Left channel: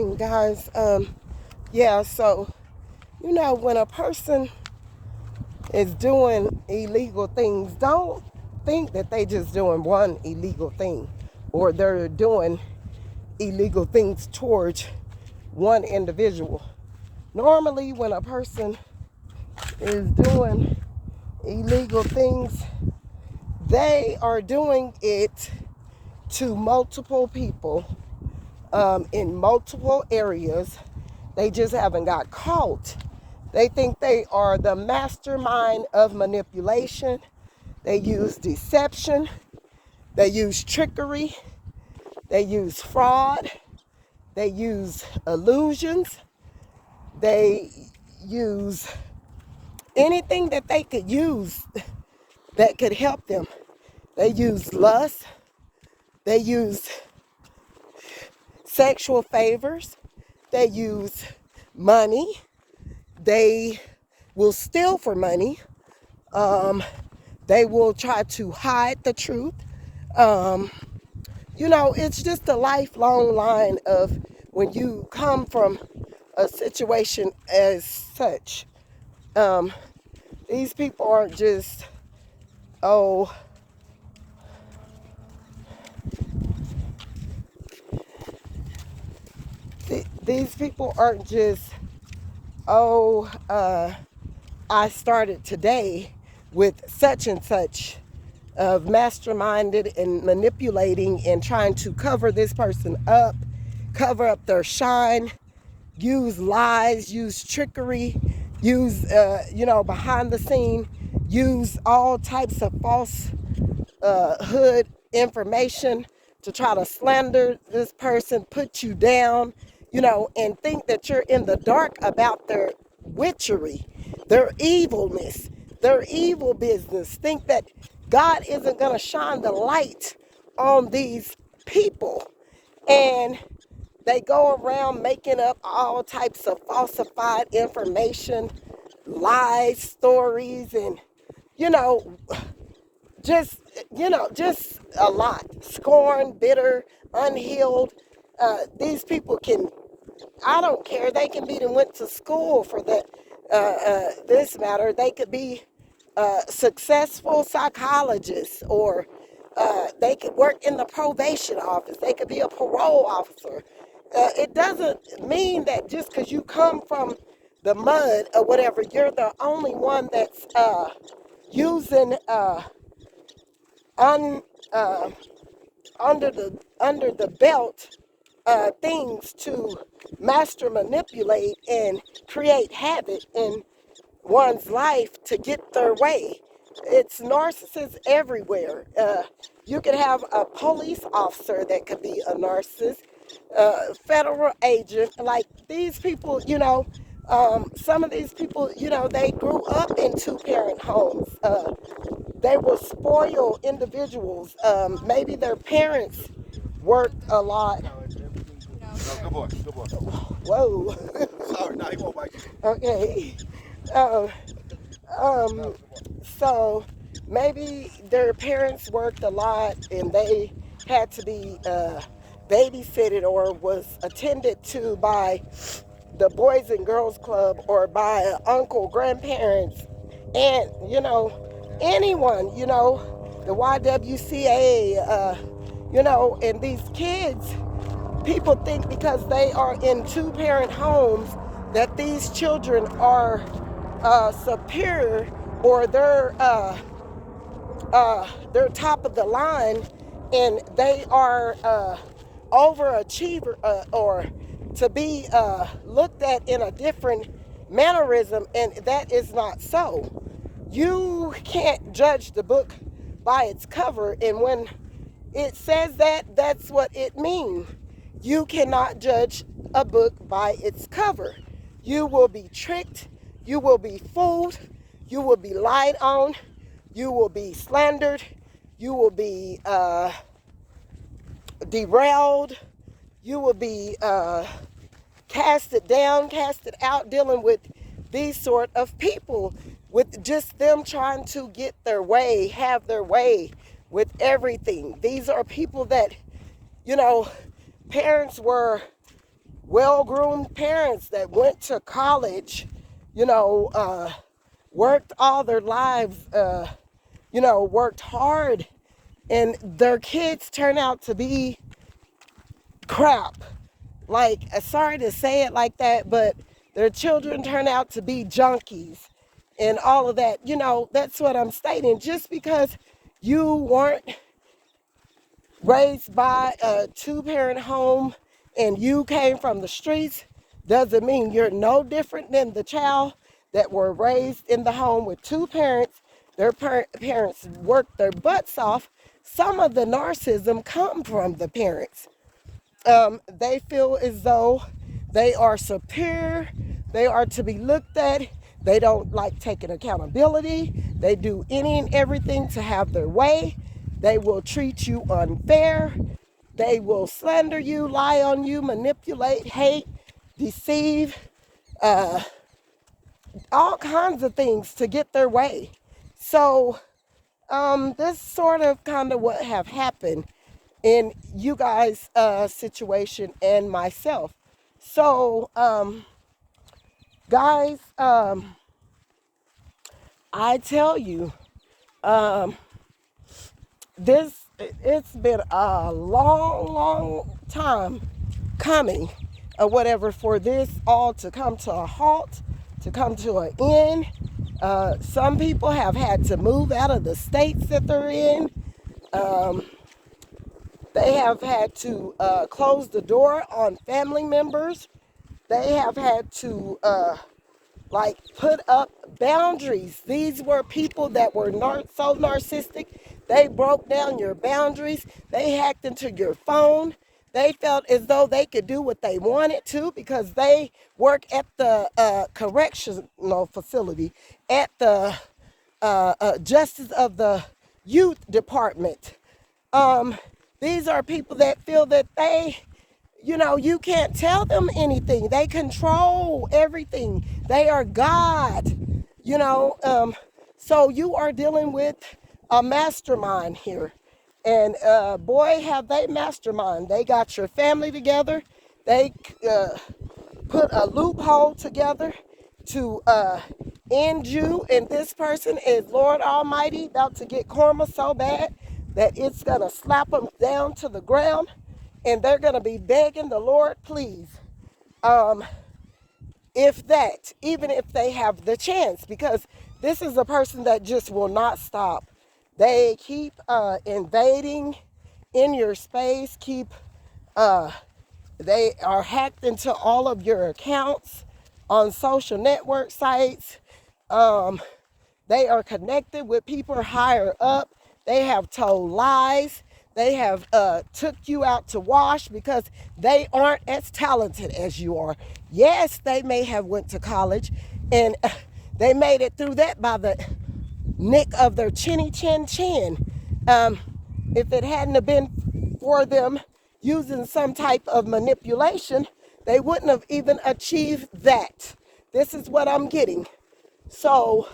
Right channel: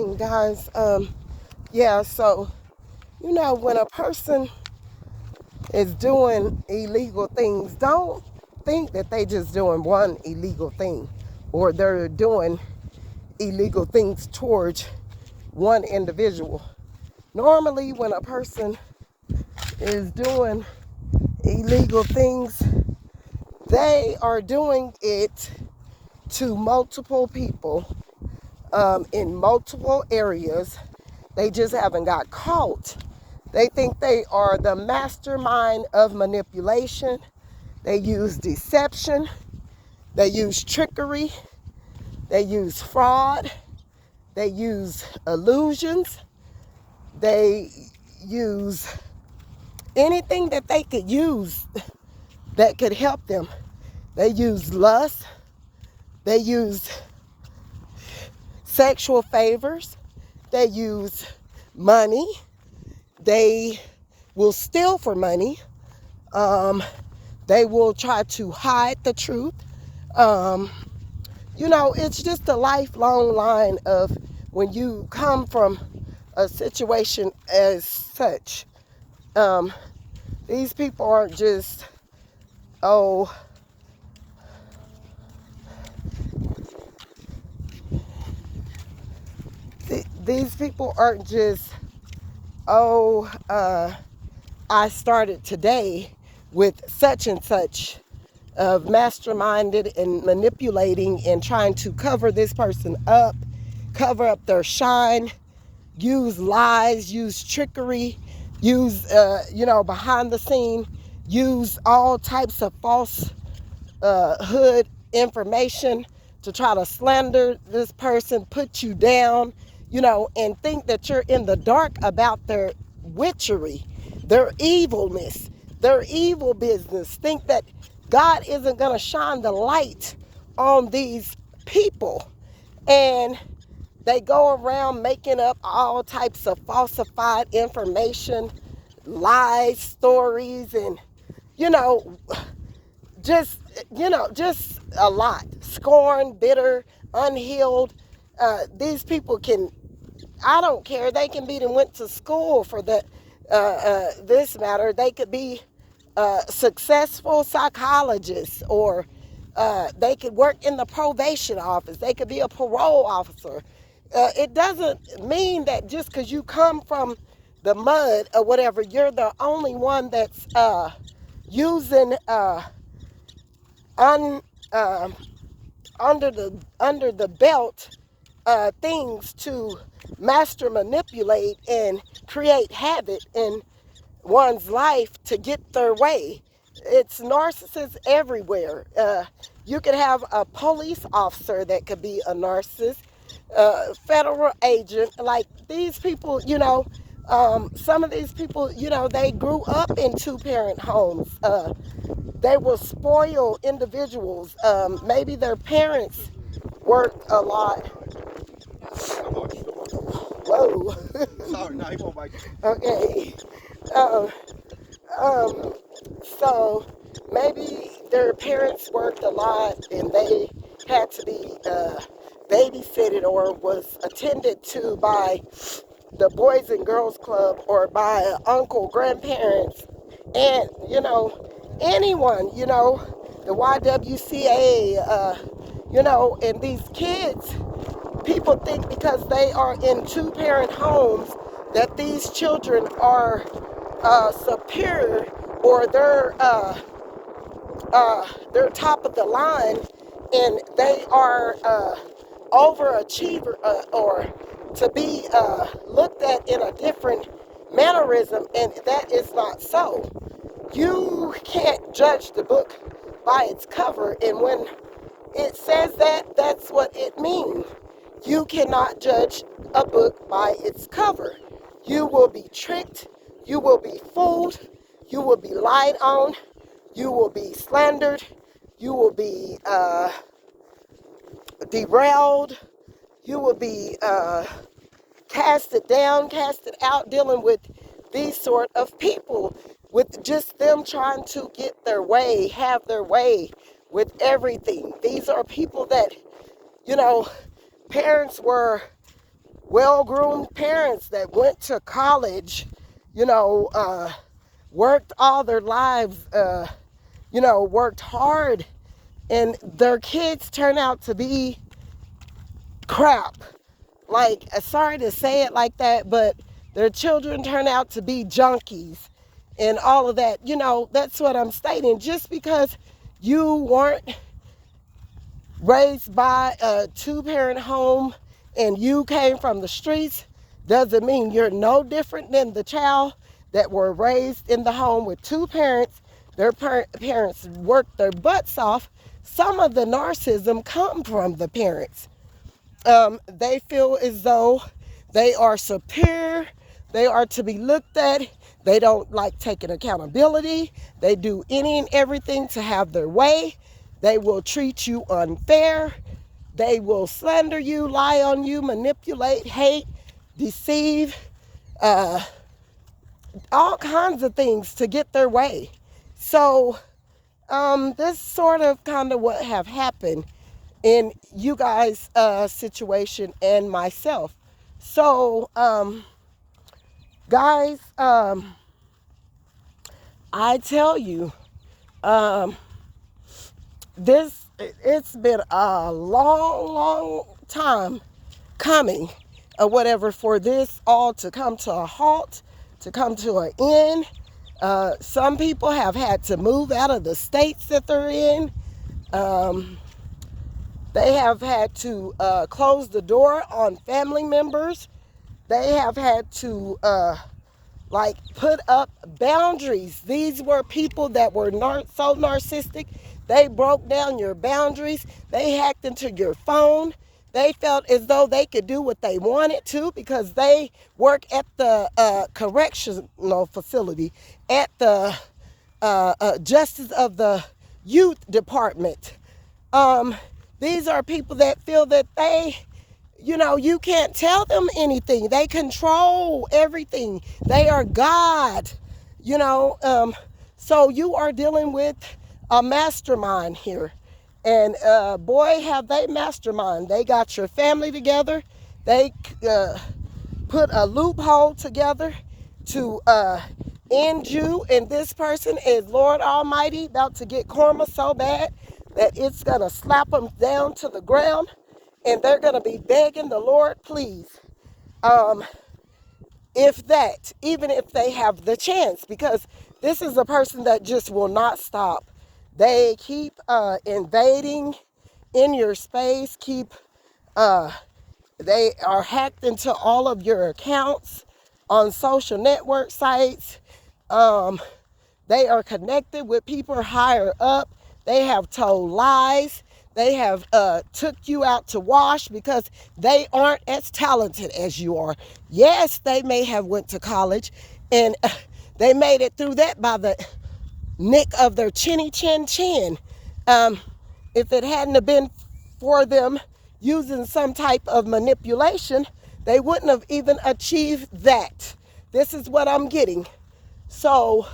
Guys, yeah, so, when a person is doing illegal things, don't think that they just doing one illegal thing or they're doing illegal things towards one individual. Normally, when a person is doing illegal things, they are doing it to multiple people in multiple areas. They just haven't got caught. They think they are the mastermind of manipulation. They use deception. They use trickery. They use fraud. They use illusions. They use anything that they could use that could help them. They use lust. They use sexual favors. They use money. They will steal for money. They will try to hide the truth. It's just a lifelong line of when you come from a situation as such. These people aren't just, these people aren't just, I started today with such and such of masterminded and manipulating and trying to cover this person up, cover up their shine, use lies, use trickery, use, behind the scene, use all types of falsehood information to try to slander this person, put you down, and think that you're in the dark about their witchery, their evilness, their evil business. Think that God isn't going to shine the light on these people. And they go around making up all types of falsified information, lies, stories, and, just a lot. Scorn, bitter, unhealed. These people I don't care. They can be that went to school for that. This matter. They could be successful psychologists, or they could work in the probation office. They could be a parole officer. It doesn't mean that just because you come from the mud or whatever, you're the only one that's using under the belt things to master manipulate and create havoc in one's life to get their way. It's narcissists everywhere. You could have a police officer that could be a narcissist, federal agent. Like these people, some of these people, they grew up in two-parent homes. They were spoiled individuals. Maybe their parents worked a lot. Whoa. Sorry, no, he won't bite you. Okay. So maybe their parents worked a lot and they had to be babysitted or was attended to by the Boys and Girls Club or by uncle, grandparents, and, anyone, the YWCA, and these kids, people think because they are in two-parent homes that these children are superior or they're top of the line and they are overachiever or to be looked at in a different mannerism, and that is not so. You can't judge the book by its cover, and when it says that, that's what it means. You cannot judge a book by its cover. You will be tricked, you will be fooled, you will be lied on, you will be slandered, you will be derailed, you will be casted down, casted out, dealing with these sort of people, with just them trying to get their way, have their way with everything. These are people that, parents were well-groomed parents that went to college, worked all their lives, worked hard, and their kids turn out to be crap. Like, sorry to say it like that, but their children turn out to be junkies and all of that. That's what I'm stating. Just because you weren't raised by a two-parent home and you came from the streets doesn't mean you're no different than the child that were raised in the home with two parents. Their parents worked their butts off. Some of the narcissism come from the parents. They feel as though they are superior. They are to be looked at. They don't like taking accountability. They do any and everything to have their way. They will treat you unfair. They will slander you, lie on you, manipulate, hate, deceive, all kinds of things to get their way. So this sort of kind of what have happened in you guys' situation and myself. So, guys, I tell you, it's been a long time coming, or whatever, for this all to come to a halt, to come to an end. Some people have had to move out of the states that they're in. They have had to close the door on family members. They have had to put up boundaries. These were people that were so narcissistic. They broke down your boundaries. They hacked into your phone. They felt as though they could do what they wanted to because they work at the correctional facility, at the Justice of the Youth Department. These are people that feel that you can't tell them anything. They control everything. They are God, so you are dealing with a mastermind here. And boy, have they mastermind. They got your family together. They put a loophole together to end you. And this person is Lord Almighty, about to get karma so bad that it's going to slap them down to the ground. And they're going to be begging the Lord, please, even if they have the chance, because this is a person that just will not stop. They keep invading in your space, they are hacked into all of your accounts on social network sites. They are connected with people higher up. They have told lies. They have took you out to wash because they aren't as talented as you are. Yes, they may have went to college and they made it through that by the nick of their chinny chin chin. If it hadn't have been for them using some type of manipulation, they wouldn't have even achieved that. This is what I'm getting. So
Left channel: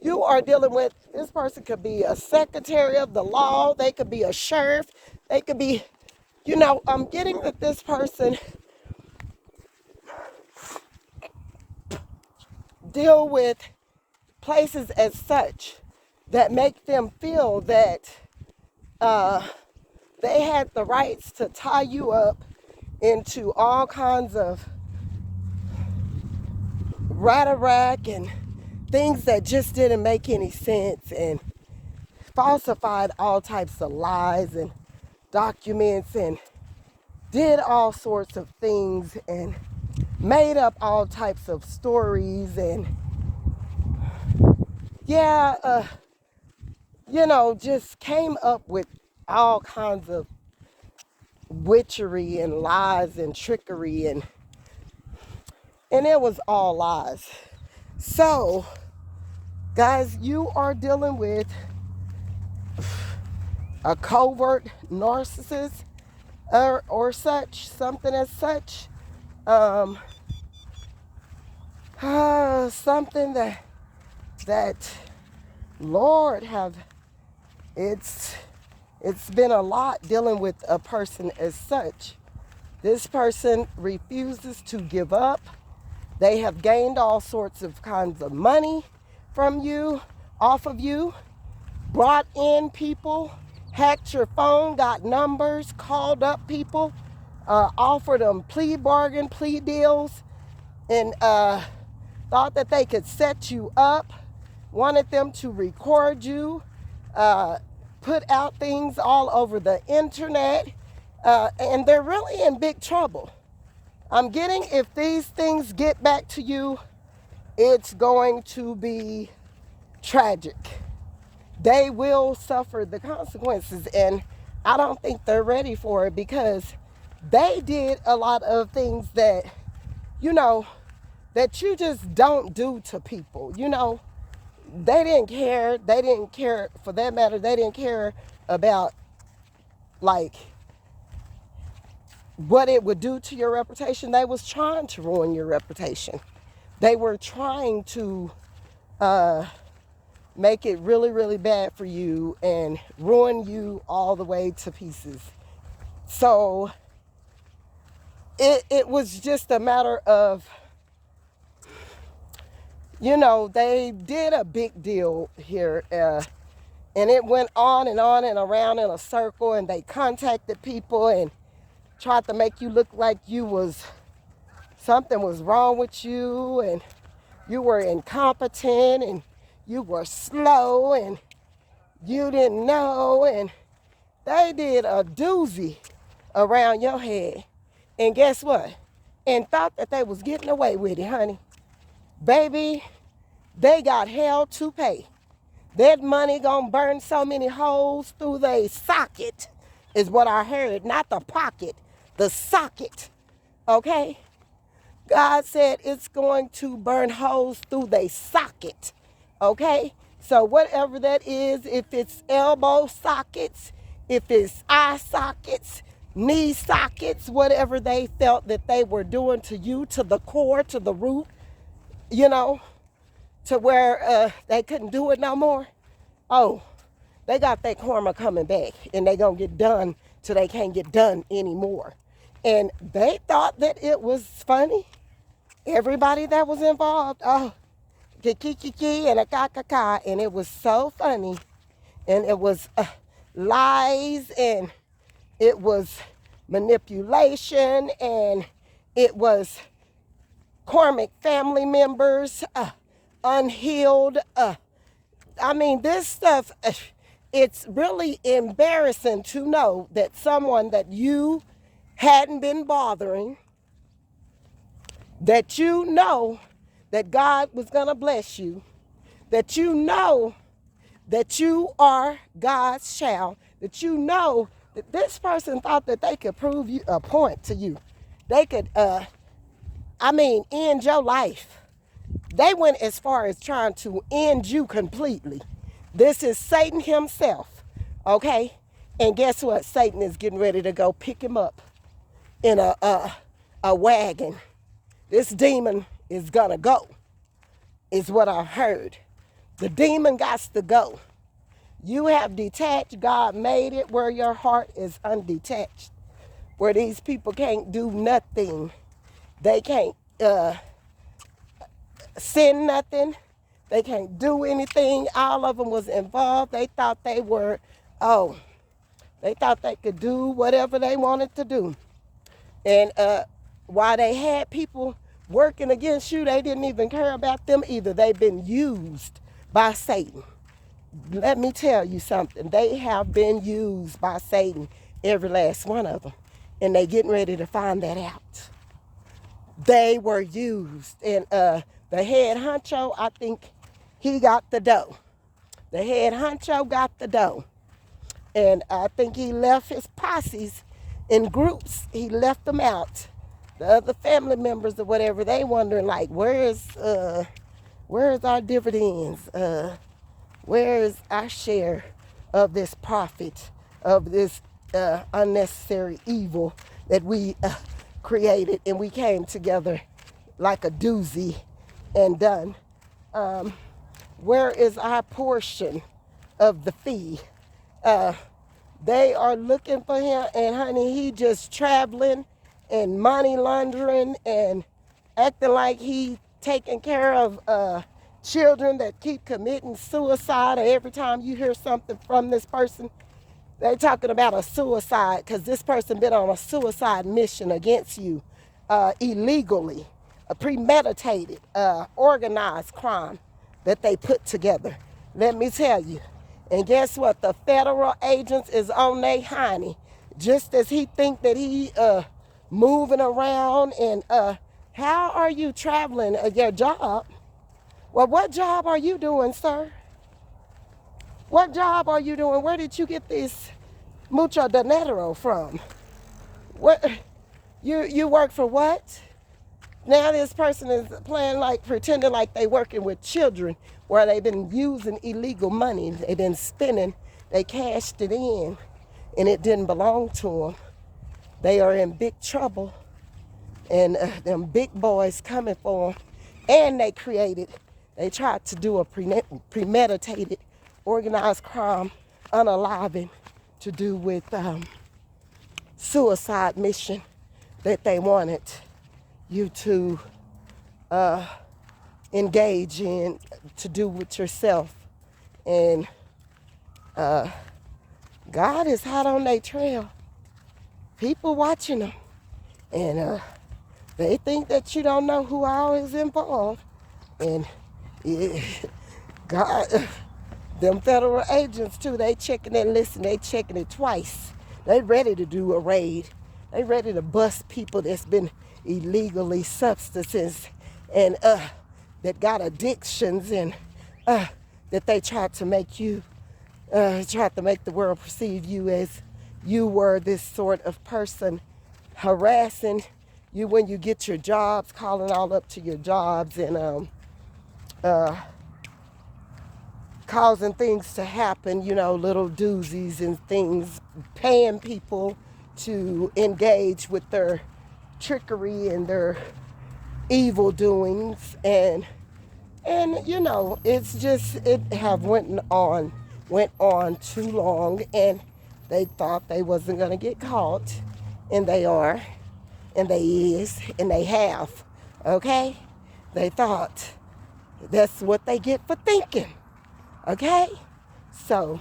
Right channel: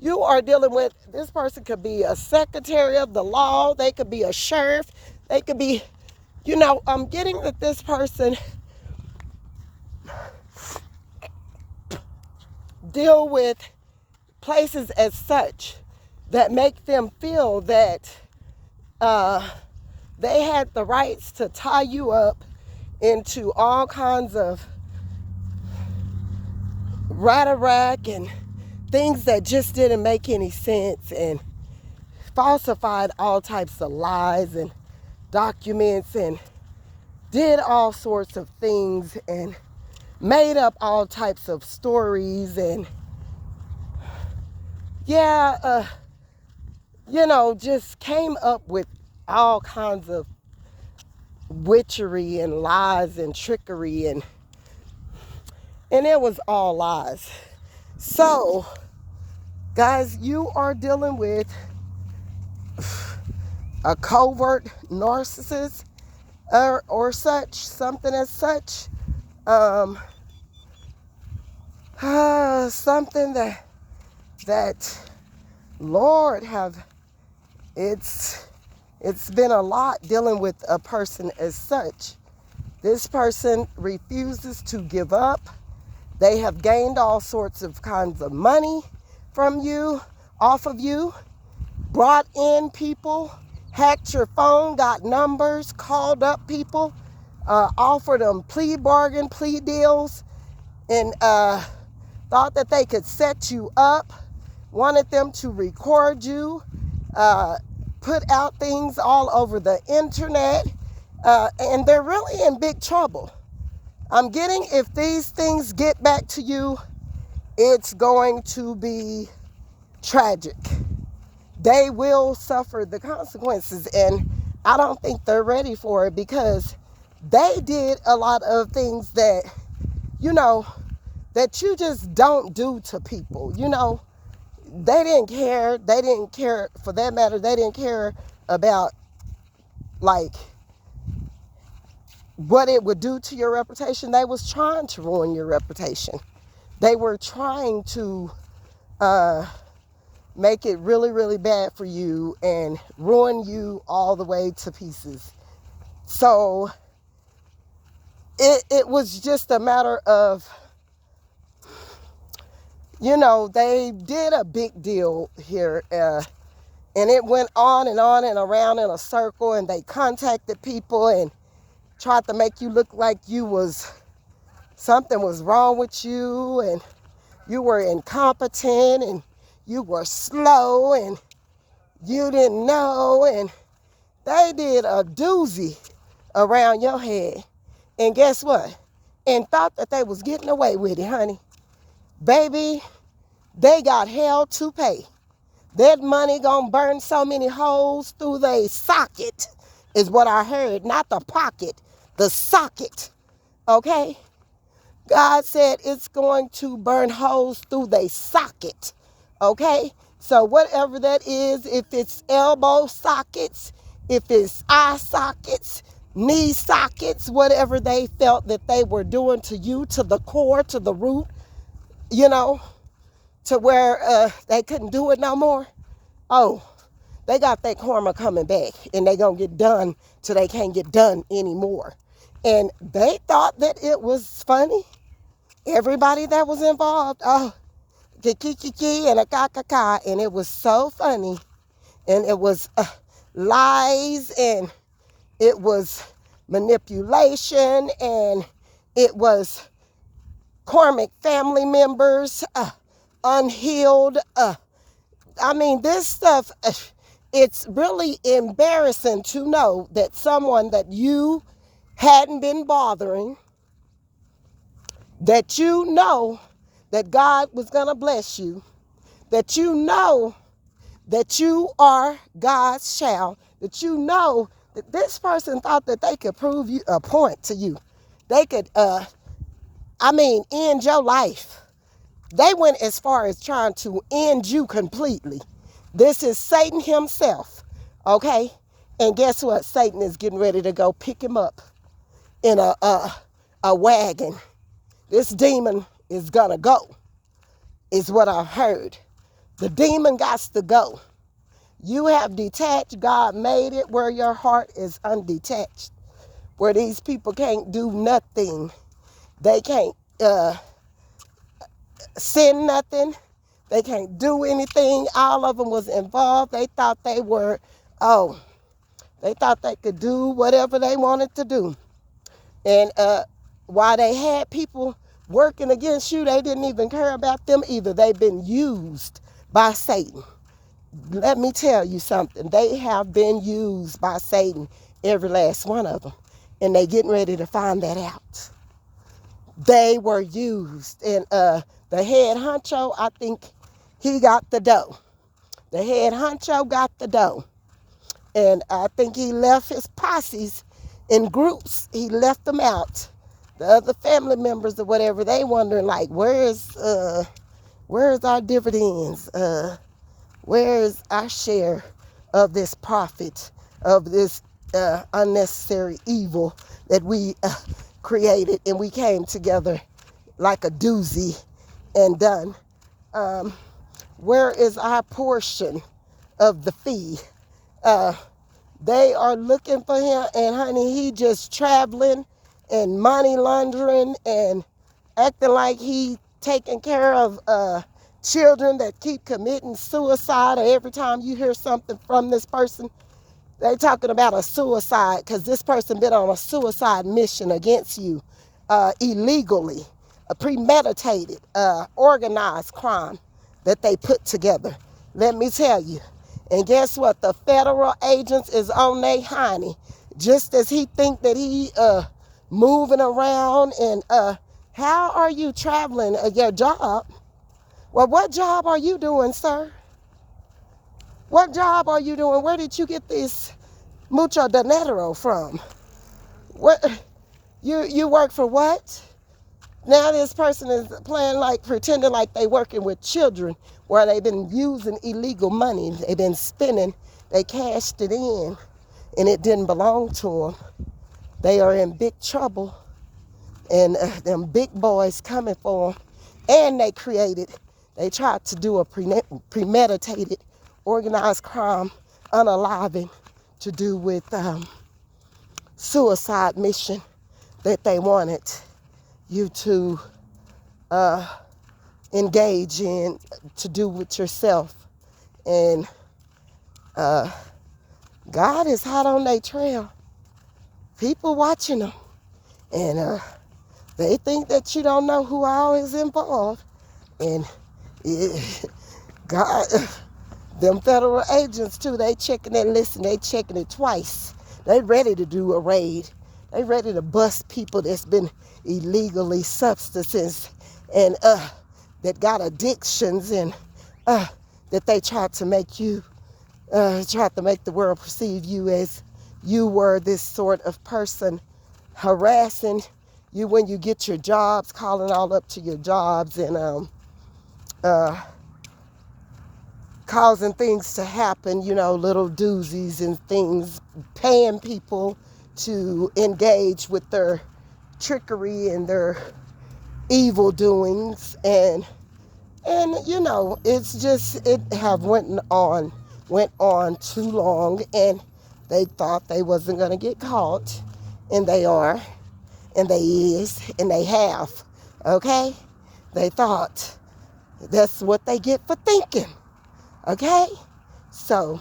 you are dealing with, this person could be a secretary of the law. They could be a sheriff. They could be, I'm getting that this person deal with places as such that make them feel that they had the rights to tie you up into all kinds of rat-a-rack and things that just didn't make any sense, and falsified all types of lies and documents and did all sorts of things and made up all types of stories and just came up with all kinds of witchery and lies and trickery, and it was all lies. So, guys, you are dealing with a covert narcissist or something as such. Something that Lord have, it's been a lot dealing with a person as such This person refuses to give up. They have gained all sorts of kinds of money from you, off of you, brought in people, hacked your phone, got numbers, called up people, offered them plea deals, and thought that they could set you up, wanted them to record you, put out things all over the internet, and they're really in big trouble. I'm getting, if these things get back to you, it's going to be tragic. They will suffer the consequences, and I don't think they're ready for it, because they did a lot of things that, that you just don't do to people. They didn't care. They didn't care, for that matter, they didn't care about, like, what it would do to your reputation. They was trying to ruin your reputation. They were trying to make it really, really bad for you and ruin you all the way to pieces. So it was just a matter of, they did a big deal here, and it went on and around in a circle, and they contacted people and tried to make you look like something was wrong with you, and you were incompetent, and you were slow, and you didn't know, and they did a doozy around your head. And guess what? And thought that they was getting away with it, honey. Baby, they got hell to pay. That money gonna burn so many holes through their socket, is what I heard. Not the pocket, the socket. Okay? God said it's going to burn holes through their socket. Okay? So whatever that is, if it's elbow sockets, if it's eye sockets, knee sockets, whatever they felt that they were doing to you, to the core, to the root, to where they couldn't do it no more. Oh, they got that karma coming back, and they gonna get done till they can't get done anymore. And they thought that it was funny. Everybody that was involved, kiki and a ka, and it was so funny. And it was lies, and it was manipulation, and it was karmic family members, unhealed. This stuff, it's really embarrassing to know that someone that you hadn't been bothering, that that God was going to bless you, that that you are God's child, that that this person thought that they could prove you a point to you. They could, end your life. They went as far as trying to end you completely. This is Satan himself, okay? And guess what? Satan is getting ready to go pick him up in a wagon. This demon is gonna go, is what I've heard. The demon got to go. You have detached. God made it where your heart is undetached, where these people can't do nothing. They can't send nothing. They can't do anything. All of them was involved. They thought they thought they could do whatever they wanted to do. And while they had people working against you, they didn't even care about them either. They've been used by Satan. Let me tell you something. They have been used by Satan, every last one of them. And they getting ready to find that out. They were used. And the head honcho, I think he got the dough. The head honcho got the dough. And I think he left his posses in groups. He left them out. The other family members or whatever, they wondering like, where's our dividends? Where's our share of this profit, of this unnecessary evil that we created, and we came together like a doozy and done? Where is our portion of the fee? They are looking for him, and honey, he just traveling and money laundering and acting like he taking care of children that keep committing suicide. Or every time you hear something from this person, they're talking about a suicide because this person been on a suicide mission against you illegally, a premeditated, organized crime that they put together. Let me tell you. And guess what? The federal agents is on their hiney. Just as he think that he moving around and how are you traveling at your job? Well, what job are you doing, sir? What job are you doing? Where did you get this mucho dinero from? What you work for what? Now this person is playing like pretending like they working with children where they've been using illegal money. They've been spending, they cashed it in and it didn't belong to them. They are in big trouble and them big boys coming for them. And they tried to do a premeditated organized crime, unaliving, to do with suicide mission that they wanted you to engage in, to do with yourself. And God is hot on their trail. People watching them. And they think that you don't know who all is involved. And God, them federal agents too, they checking it, listen, they checking it twice. They ready to do a raid. They ready to bust people that's been illegally substances and that got addictions and that they tried to make you, tried to make the world perceive you as you were this sort of person, harassing you when you get your jobs, calling all up to your jobs and causing things to happen, you know, little doozies and things, paying people to engage with their trickery and their evil doings. And you know, it's just, it have went on too long, and they thought they wasn't going to get caught, and they are, and they is, and they have, okay? They thought that's what they get for thinking. Okay, so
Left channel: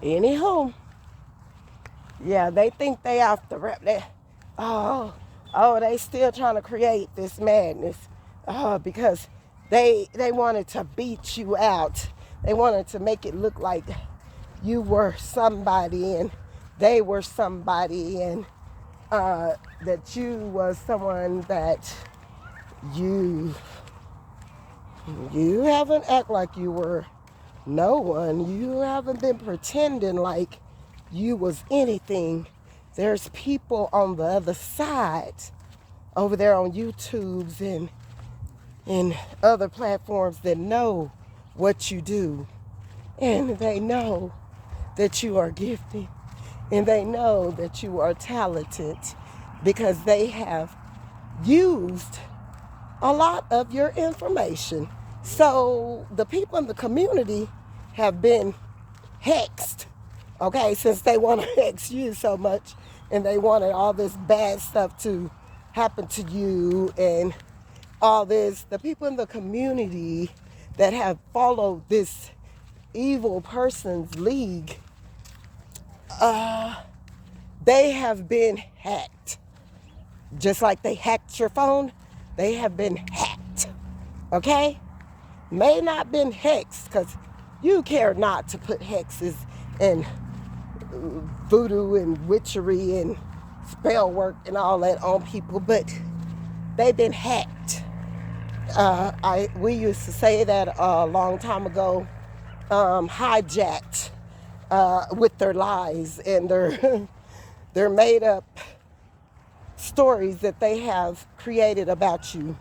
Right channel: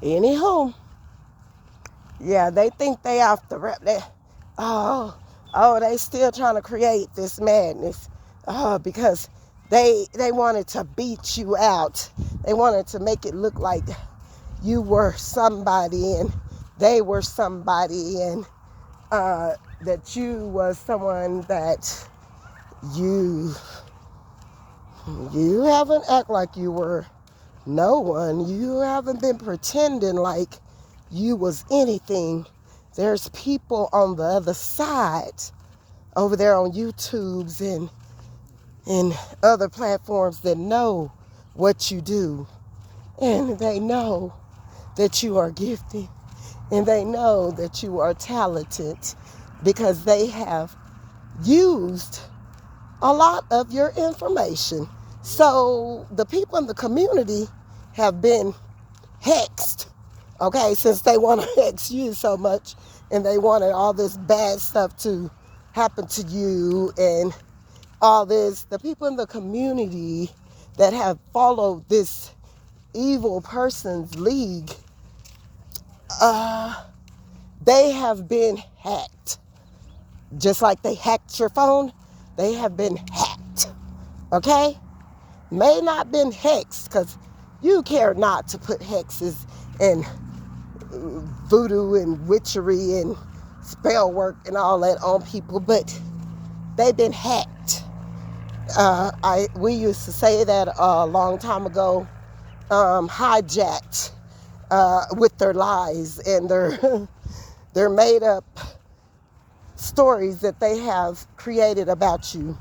anywho, yeah, they think they off the rap. They still trying to create this madness because they wanted to beat you out. They wanted to make it look like you were somebody and they were somebody, and that you was someone that you haven't act like you were no one. You haven't been pretending like you was anything. There's people on the other side over there on YouTubes and other platforms that know what you do. And they know that you are gifted. And they know that you are talented because they have used a lot of your information. So the people in the community have been hexed, okay, since they want to hex you so much and they wanted all this bad stuff to happen to you and all this. The people in the community that have followed this evil person's league, they have been hacked. Just like they hacked your phone, they have been hacked, okay? May not been hexed, because you care not to put hexes and voodoo and witchery and spell work and all that on people, but they've been hacked. We used to say that a long time ago, hijacked with their lies and their made up stories that they have created about you.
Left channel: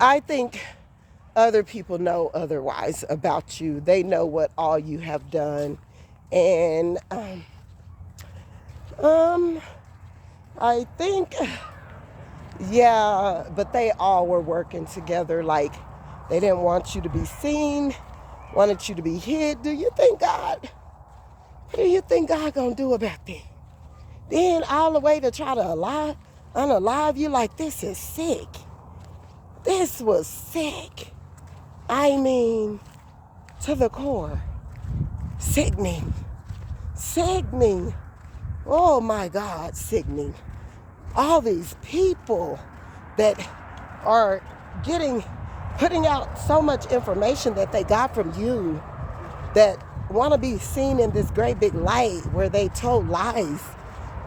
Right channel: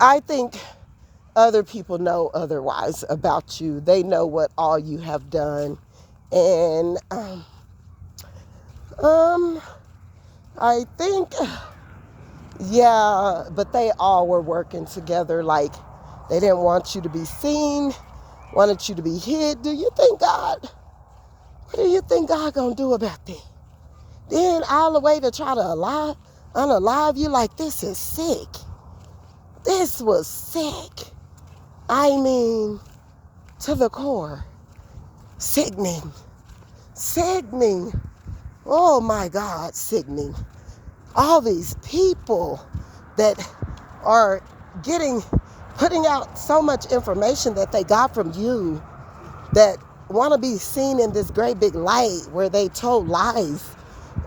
I think other people know otherwise about you. They know what all you have done. And I think, yeah, but they all were working together. Like, they didn't want you to be seen wanted you to be hid. What do you think God gonna do about that? Then all the way to try to unalive you, like, this is sick. This was sick. I mean, to the core. Sickening. Sickening. Oh my God, sickening. All these people that are putting out so much information that they got from you, that want to be seen in this great big light where they told lies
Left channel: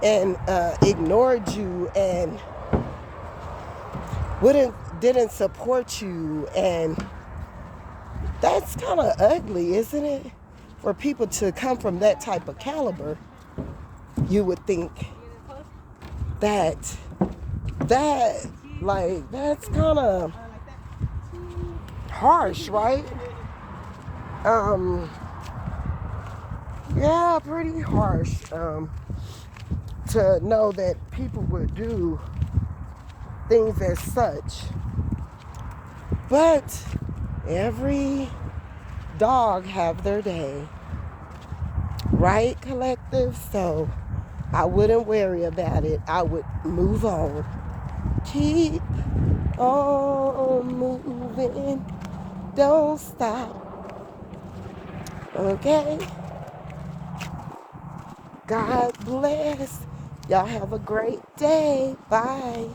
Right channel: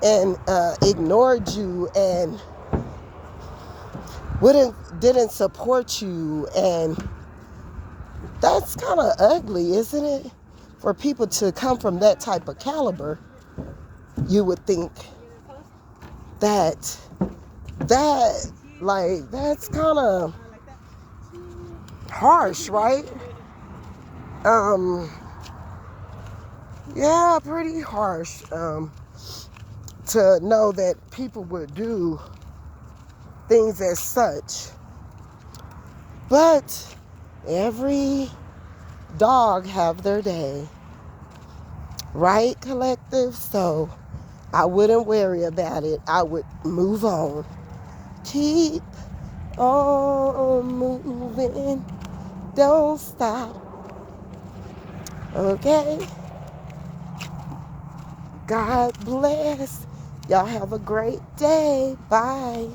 and ignored you and didn't support you. And that's kind of ugly, isn't it? For people to come from that type of caliber, you would think that's kind of harsh, right? Yeah, pretty harsh. To know that people would do things as such. But every dog have their day, right, collective? So I wouldn't worry about it. I would move on. Keep on moving. Don't stop. Okay? God bless. Y'all have a great day. Bye.